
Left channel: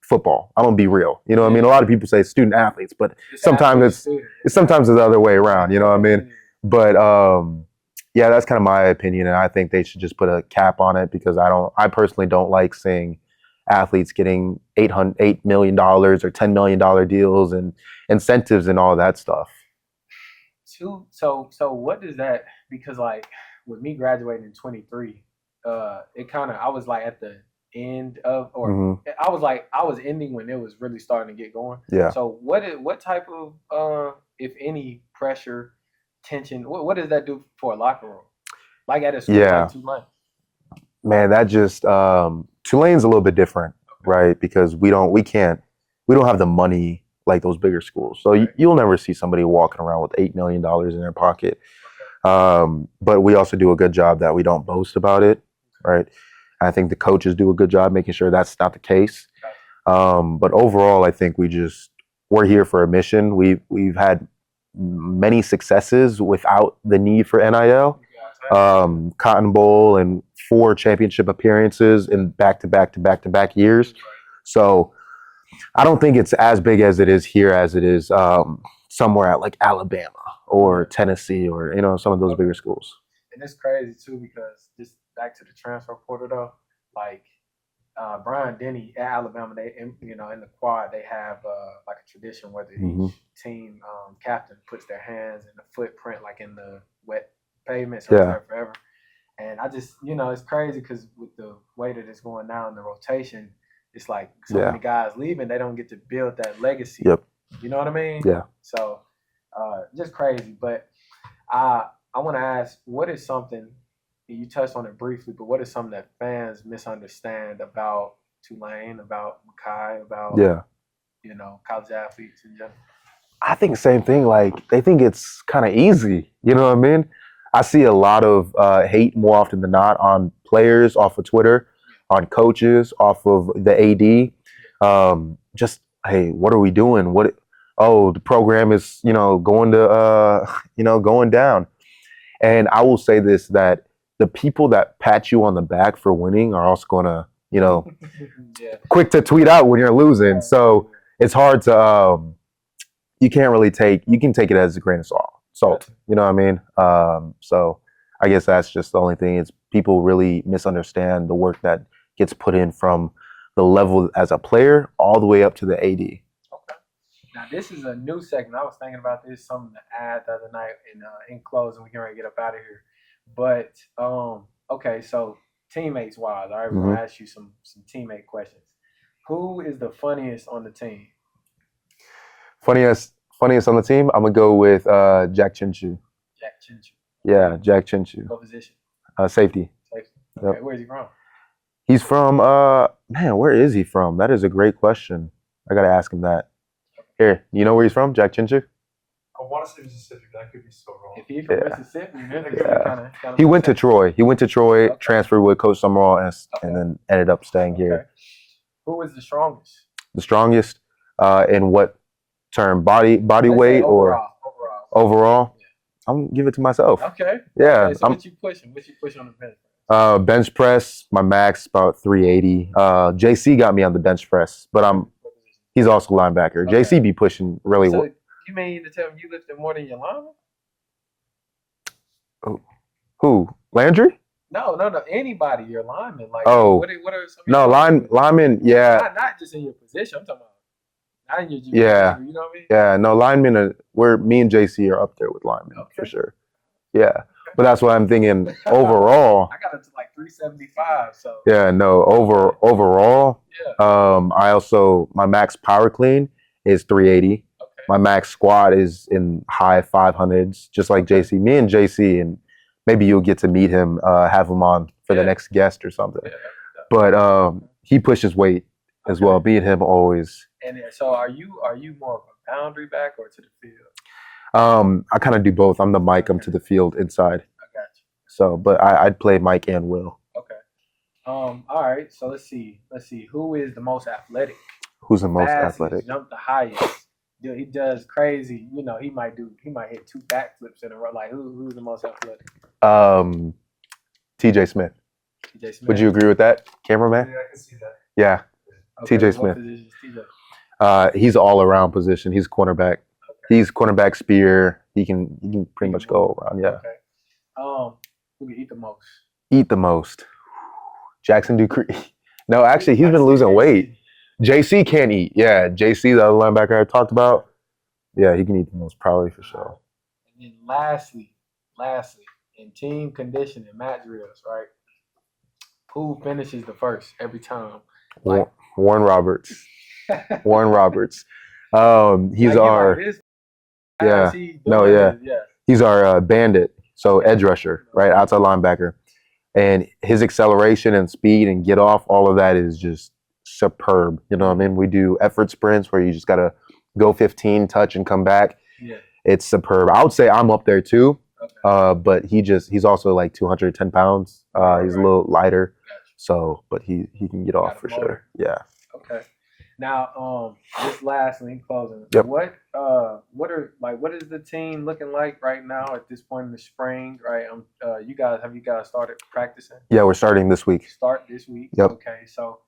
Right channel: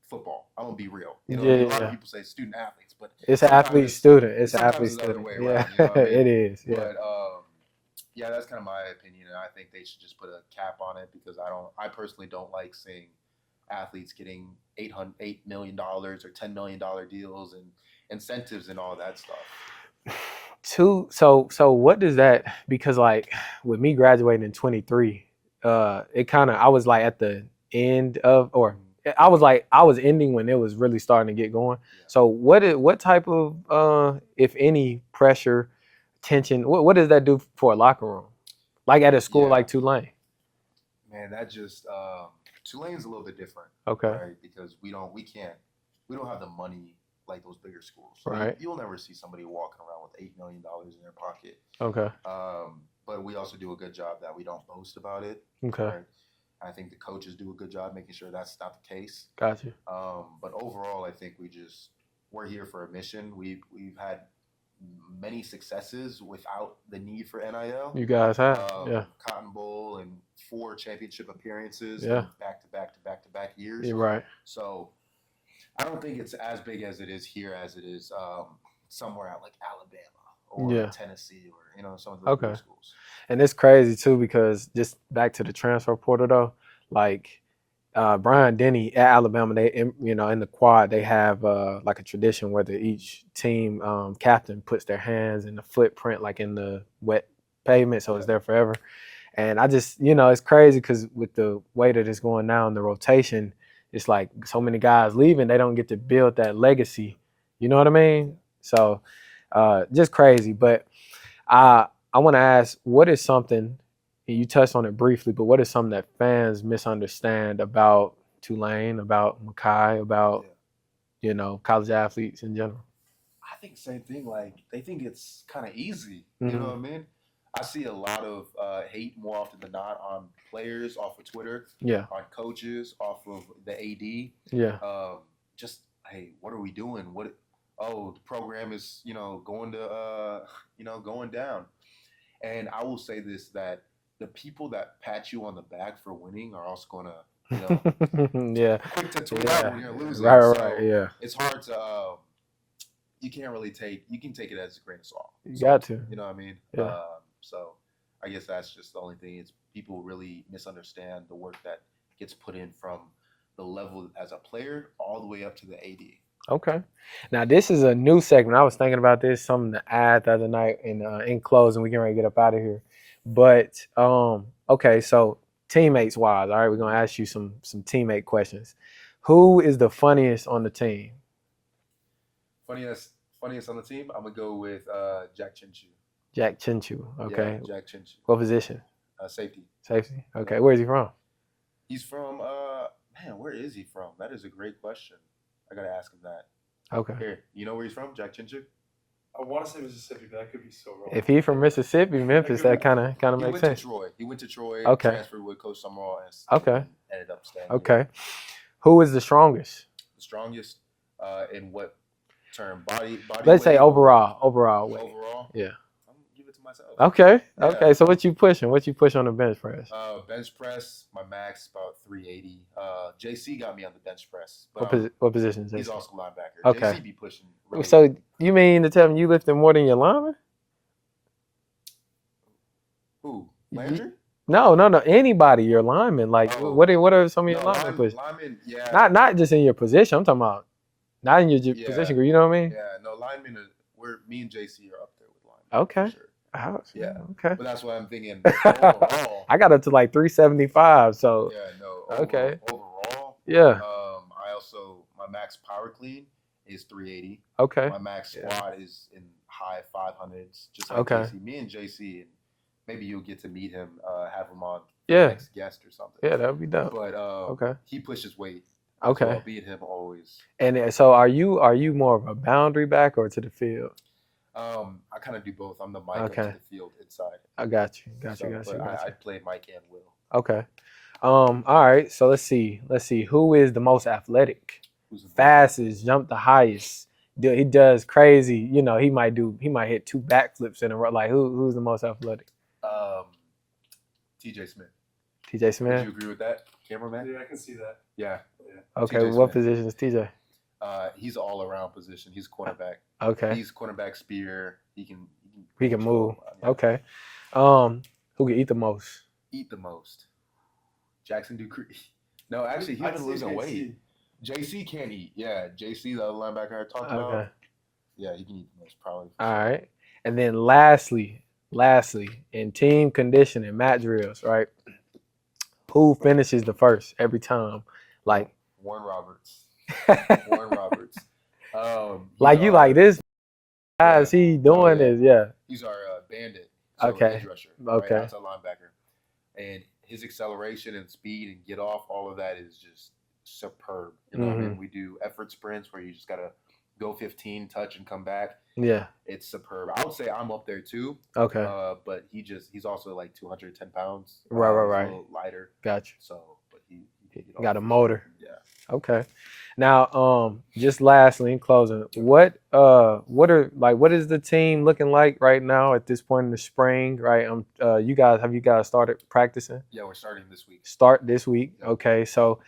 football. I'm gonna be real. You know what I mean? A lot of people say student athletes, but sometimes it's the other way around. You know what I mean? It is. Yeah. But yeah, that's kind of my opinion, and I think they should just put a cap on it, because I personally don't like seeing athletes getting $8 million or $10 million deals and incentives and all that stuff. So what does that, because like with me graduating in 23, I was like at the end of, or I was ending when it was really starting to get going. Yeah. So what type of if any pressure, tension, what does that do for a locker room? Like at a school like Tulane? Man, that just Tulane's a little bit different, right? Because we don't have the money like those bigger schools. So you'll never see somebody walking around with $8 million in their pocket. Okay. But we also do a good job that we don't boast about it. Okay. Right. I think the coaches do a good job making sure that's not the case. Gotcha. But overall, I think we're here for a mission. We've had many successes without the need for NIL. You guys have Cotton Bowl and 4 championship appearances in back-to-back years. Right. So I don't think it's as big as it is here as it is somewhere at like Alabama or Tennessee or some of those bigger schools. And it's crazy too, because just back to the transfer portal though, like Brian Denny at Alabama, they in the quad they have like a tradition where each team captain puts their hands in the footprint like in the wet pavement, so it's there forever. And I just it's crazy because with the way that it's going now in the rotation, it's like so many guys leaving, they don't get to build that legacy. Yep. You know what I mean? Yeah. So just crazy. But I want to ask, what is something, and you touched on it briefly, but what is something that fans misunderstand about Tulane, about Makai, about Yeah. college athletes in general? I think same thing. Like they think it's kind of easy. You know what I mean? I see a lot of hate more often than not on players off of Twitter, Yeah. on coaches off of the AD. Yeah. Just hey, what are we doing? The program is going to going down. And I will say this, that the people that pat you on the back for winning are also going to yeah. quick to tweet out when you're losing. Right, so yeah. it's hard to you can't really you can take it as a grain of salt. You know what I mean? Yeah. So I guess that's just the only thing, is people really misunderstand the work that gets put in from the level as a player all the way up to the AD. Okay. Now this is a new segment. I was thinking about this, something to add the other night in closing. We can ready to get up out of here. But okay, so teammates wise, all right, we're gonna ask you some teammate questions. Who is the funniest on the team? Funniest on the team, I'm gonna go with Jack Chinchu. Jack Chinchu. Okay. Yeah, Jack Chinchu. What position? Safety. Safety. Okay. Yep. Where is he from? He's from man, where is he from? That is a great question. I gotta ask him that. Okay. Here, you know where he's from, Jack Chinchu? I want to say Mississippi, but that could be so wrong. If he's from Mississippi, Memphis, that kind of. He went to Troy. Okay. Transferred with Coach Summerall, and then ended up staying here. Okay. Who is the strongest? The strongest in what term? Body Let's weight say or overall? Yeah. I'm gonna give it to myself. Okay. Yeah. Okay. So what you pushing? What you push on the bench press? Bench press, my max about 380. JC got me on the bench press, but what position? He's also linebacker. Okay. JC be pushing really well. So you mean to tell me you lifting more than your lineman? Who? Landry? No. Anybody, your lineman. Like, what are some of your linemen? Yeah. Not just in your position. I'm talking about not in your position. You know what I mean? Yeah. No, linemen me and JC are up there with linemen. Okay. For sure. Yeah. Okay. But that's what I'm thinking overall. I got up to like 375. So yeah. No. Overall. Yeah. My max power clean is 380. Okay. My max squat is in high 500s, just like JC. Me and JC, and maybe you'll get to meet him, have him on for the next guest or something. Yeah, that'd be dope. But he pushes weight as well. Me and him always. And so are you more of a boundary back or to the field? I kind of do both. I'm the Mike. I'm to the field inside. I got you. But I'd play Mike and Will. Okay. All right. So let's see. Who is the most athletic? Who's the most athletic? Jump the highest. He does crazy. He might hit 2 backflips in a row. Like who's the most athletic? TJ Smith. TJ Smith. Would you agree with that, cameraman? Yeah, I can see that. Yeah. Okay. TJ Smith. What position is TJ? He's all around position. He's cornerback. Okay. He's cornerback, spear. He can pretty much go around. Yeah. Okay. Who can eat the most? Eat the most. Jackson Dupree. No, actually, he's been losing weight. JC can't eat. Yeah, JC, the other linebacker I talked about. Yeah, he can eat the most probably for sure. All right. And then lastly, in team conditioning, mat drills, right? Who finishes the first every time? Like Warren Roberts. Warren Roberts. He's like you like this. Yeah. He doing this? Yeah. He's our bandit. So edge rusher, right? Outside linebacker. And his acceleration and speed and get off, all of that is just superb. You know what I mean? We do effort sprints where you just gotta go 15, touch, and come back. Yeah. It's superb. I would say I'm up there too. Okay. But he's also like 210 pounds. He's a little lighter. Gotcha. So, but he can get off. Got a motor. Sure. Yeah. Okay. Now, just lastly in closing, what is the team looking like right now at this point in the spring? Right. Have you guys started practicing? Yeah, we're starting this week. Start this week. Yep. Okay. So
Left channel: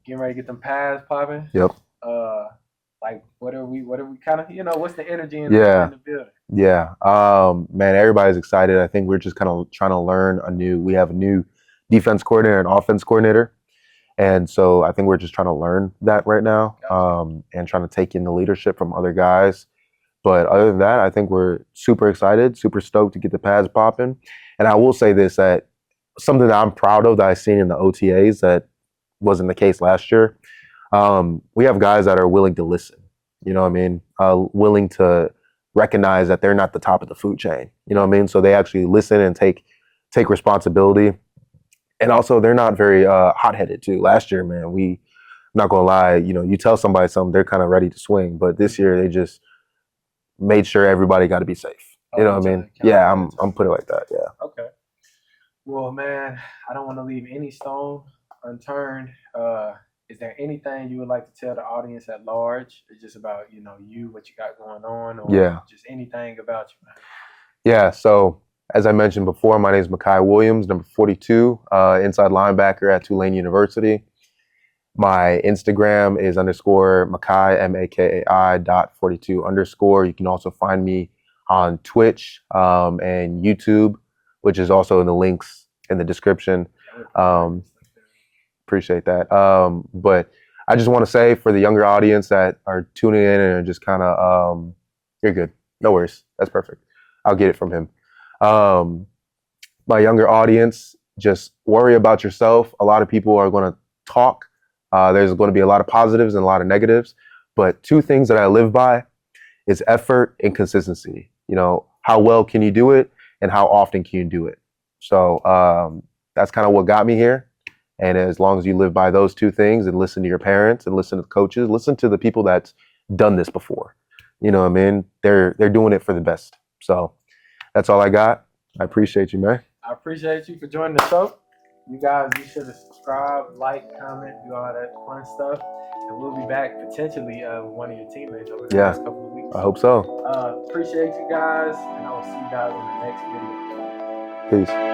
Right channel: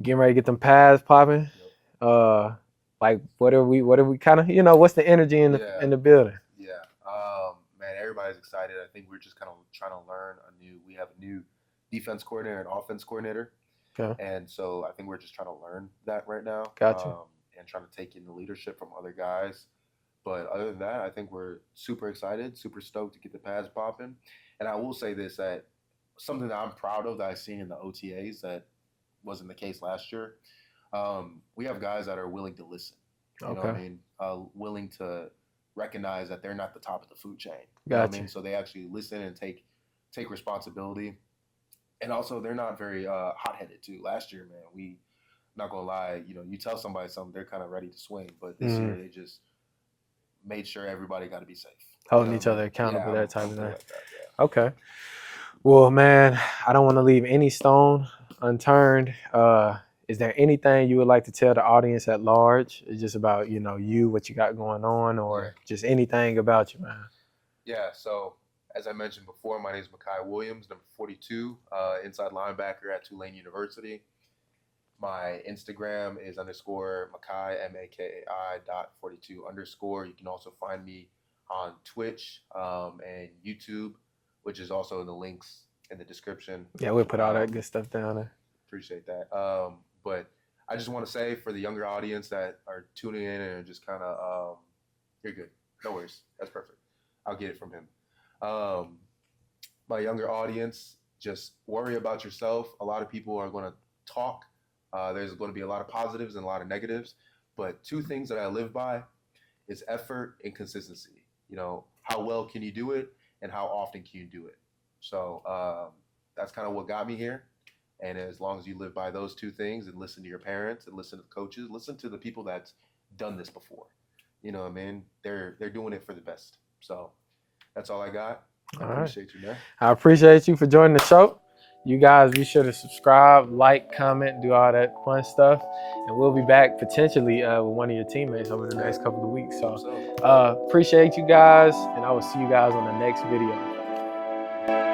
getting ready to get them pads popping. Yep. What are we kind of, what's the energy in the building? Yeah. Man, everybody's excited. I think we're just kind of trying to learn we have a new defense coordinator and offense coordinator. Okay. And so I think we're just trying to learn that right now. Gotcha. And trying to take in the leadership from other guys. But other than that, I think we're super excited, super stoked to get the pads popping. And I will say this, that something that I'm proud of that I've seen in the OTAs that wasn't the case last year. We have guys that are willing to listen. You know what I mean? Willing to recognize that they're not the top of the food chain. You know what I Gotcha. mean? So they actually listen and take responsibility. And also, they're not very hot-headed too. Last year, man, I'm not gonna lie, you tell somebody something, they're kind of ready to swing. But this year, they just made sure everybody got to be safe. Holding You know each what I other mean? accountable, Yeah, that I'm type of put it thing. like that. Yeah. Okay. Well, man, I don't want to leave any stone unturned. Is there anything you would like to tell the audience at large? It's just about, you, what you got going on, or Yeah. just anything about you, man. Yeah. So as I mentioned before, my name is Makai Williams, number 42, inside linebacker at Tulane University. My Instagram is _Makai, MAKAI.42_. You can also find me on Twitch and YouTube, which is also in the links in the description. Yeah, we'll put all that good stuff down there. Appreciate that. But I just want to say for the younger audience that are tuning in and are just kind of, you're good. No worries. That's perfect. I'll get it from him. My younger audience, just worry about yourself. A lot of people are going to talk. There's going to be a lot of positives and a lot of negatives. But two things that I live by is effort and consistency. How well can you do it and how often can you do it? So that's kind of what got me here. And as long as you live by those two things and listen to your parents and listen to the coaches, listen to the people that's done this before. You know what I mean? They're doing it for the best. So that's all I got. I appreciate you, man. I appreciate you for joining the show. You guys, be sure to subscribe, like, comment, do all that fun stuff. And we'll be back potentially with one of your teammates over the next couple of weeks. I hope so. Appreciate you guys, and I will see you guys on the next video. Peace.